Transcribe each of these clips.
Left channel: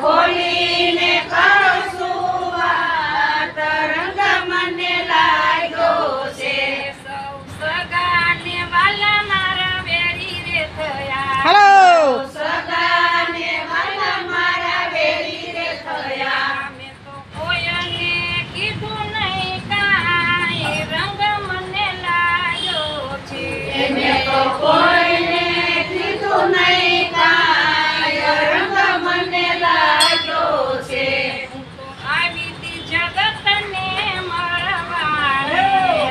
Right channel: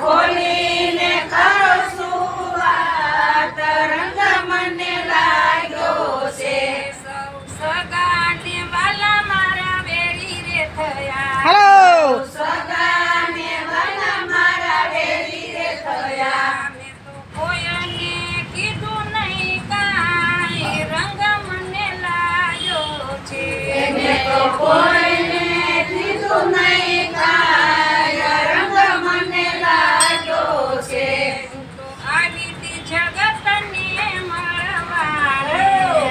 ખોલીને કહું છું વાત, રંગ મને લાગ્યો છે. સૌ સગાને વાલા મારા વેરી રે થયા. હેલો સગાને વાલા મારા વેરી રે થયા. મેં તો કોઈને કીધું નહીં કાંઈ, રંગ મને લાગ્યો છે. મેં તો કોઈને કીધું નહીં કાંઈ, રંગ મને લાગ્યો છે. હું તો આવી તી જગતને મળવાને.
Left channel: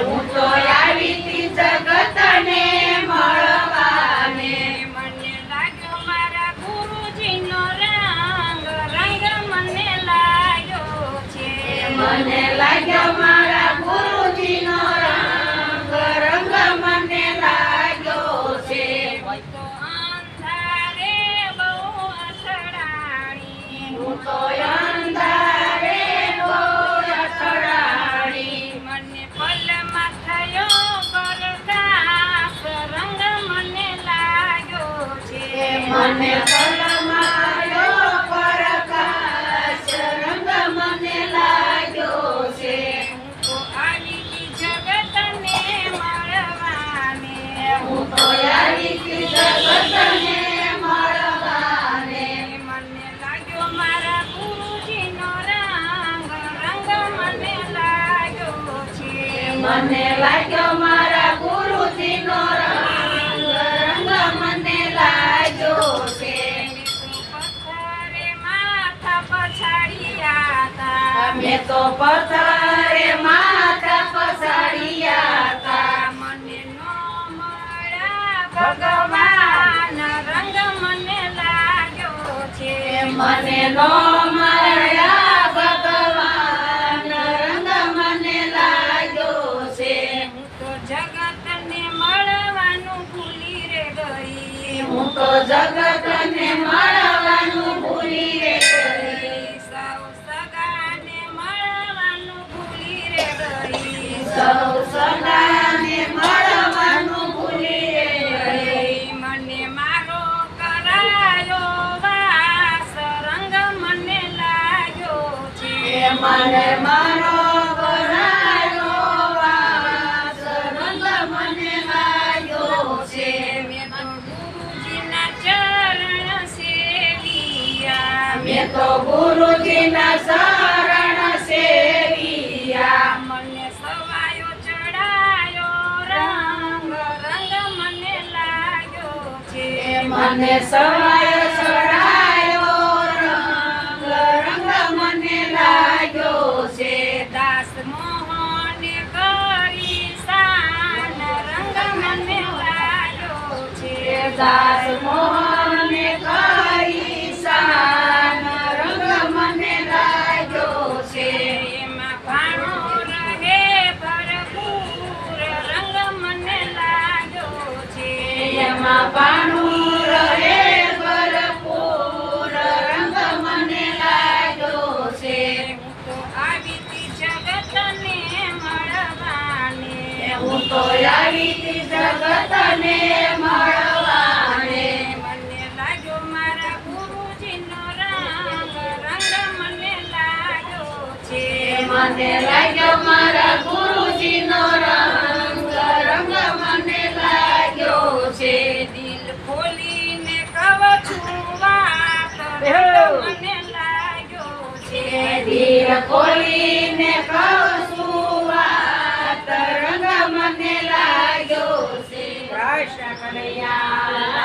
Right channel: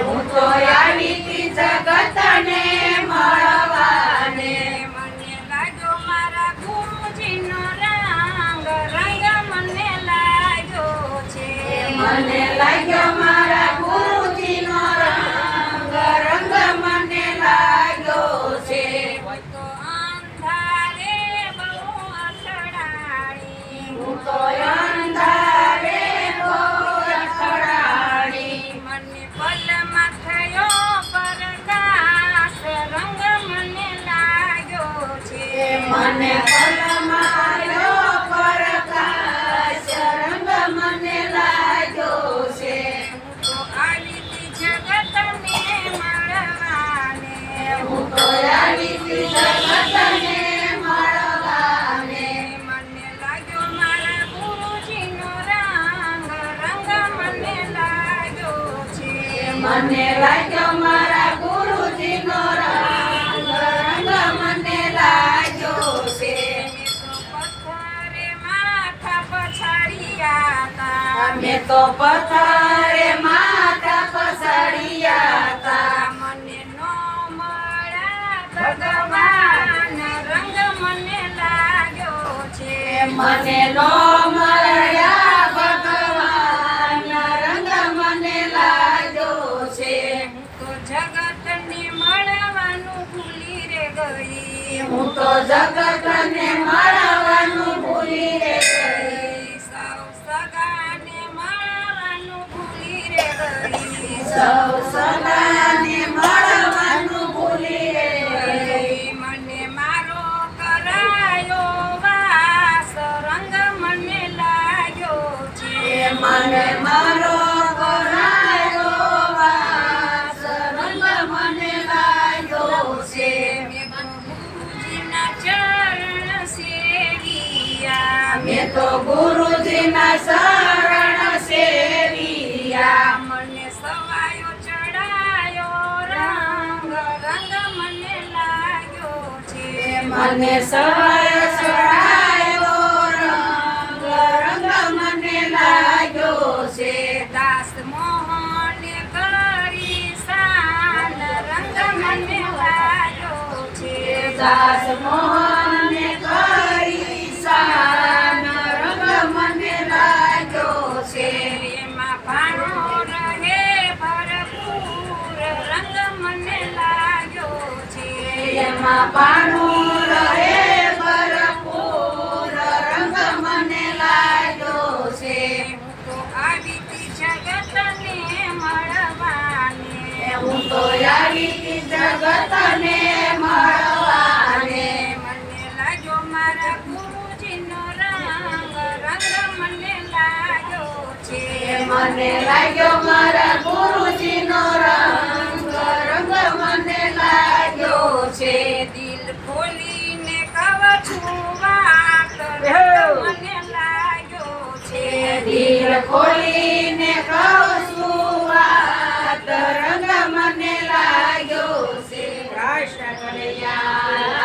હું તો આવી તી જગતને મળવાને. મને લાગ્યો મારા ગુરુજીનો રંગ, રંગ મને લાગ્યો છે. મને લાગ્યો મારા ગુરુજીનો રંગ, રંગ મને લાગ્યો છે. હું તો અંધારે બહુ અથડાણી. હું તો અંધારે બહુ અથડાણી. મને પલમાં થયો પ્રકાશ, રંગ મને લાગ્યો છે. મને પલમાયો પ્રકાશ, રંગ મને લાગ્યો છે. હું તો આવી તી જગતને મળવાને. હું તો આવી તી જગતને મળવાને. મને લાગ્યો મારા ગુરુજીનો રંગ, રંગ મને લાગ્યો છે. મને લાગ્યો મારા ગુરુજીનો રંગ, રંગ મને લાગ્યો છે. મેં તો પથ્થરે માથા પછાડ્યા તા. મેં તો પથ્થરે માથા પછાડ્યા તા. મને નો મળ્યા ભગવાન, રંગ મને લાગ્યો છે. મને નો મળ્યા ભગવાન, રંગ મને લાગ્યો છે. હું તો જગતને મળવાનું ભૂલી રે ગઈ. હું તો જગતને મળવાનું ભૂલી રે ગઈ. સૌ સગાને મળવાનું ભૂલી રે ગઈ. સૌ સગાને મળવાનું ભૂલી રે ગઈ. મને મારો કરાયો વાસ, રંગ મને લાગ્યો છે. મને મારો કરાયો વાસ, રંગ મને લાગ્યો છે. મેં તો ગુરુજીના ચરણ સેવ્યા. મેં તો ગુરુજીના શરણ સેવ્યા. મને સવાયો ચડાયો રંગ, રંગ મને લાગ્યો છે. મને સવાય ચડાયો રંગ, રંગ મને લાગ્યો છે. દાસ મોહને કરી શાન, રંગ મને લાગ્યો છે. દાસ મોહને કરી શાન, રંગ મને લાગ્યો છે. એમાં ભાણો રહે ભરપૂર, રંગ મને લાગ્યો છે. એમાં પાનું રહે ભરપૂર, રંગ મને લાગ્યો છે. હું તો આવી તી જગતને મળવાને. હું તો આવી તી જગતને મળવાને. મને લાગ્યો મારા ગુરુજીનો રંગ, રંગ મને લાગ્યો છે. મને લાગ્યો મારા ગુરુજીનો રંગ, રંગ મને લાગ્યો છે. દિલ ખોલીને કહું છું વાત, રંગ મને લાગ્યો છે. દિલ ખોલીને કહું છું વાત, રંગ મને લાગ્યો છે. કૃષ્ણ કનૈયા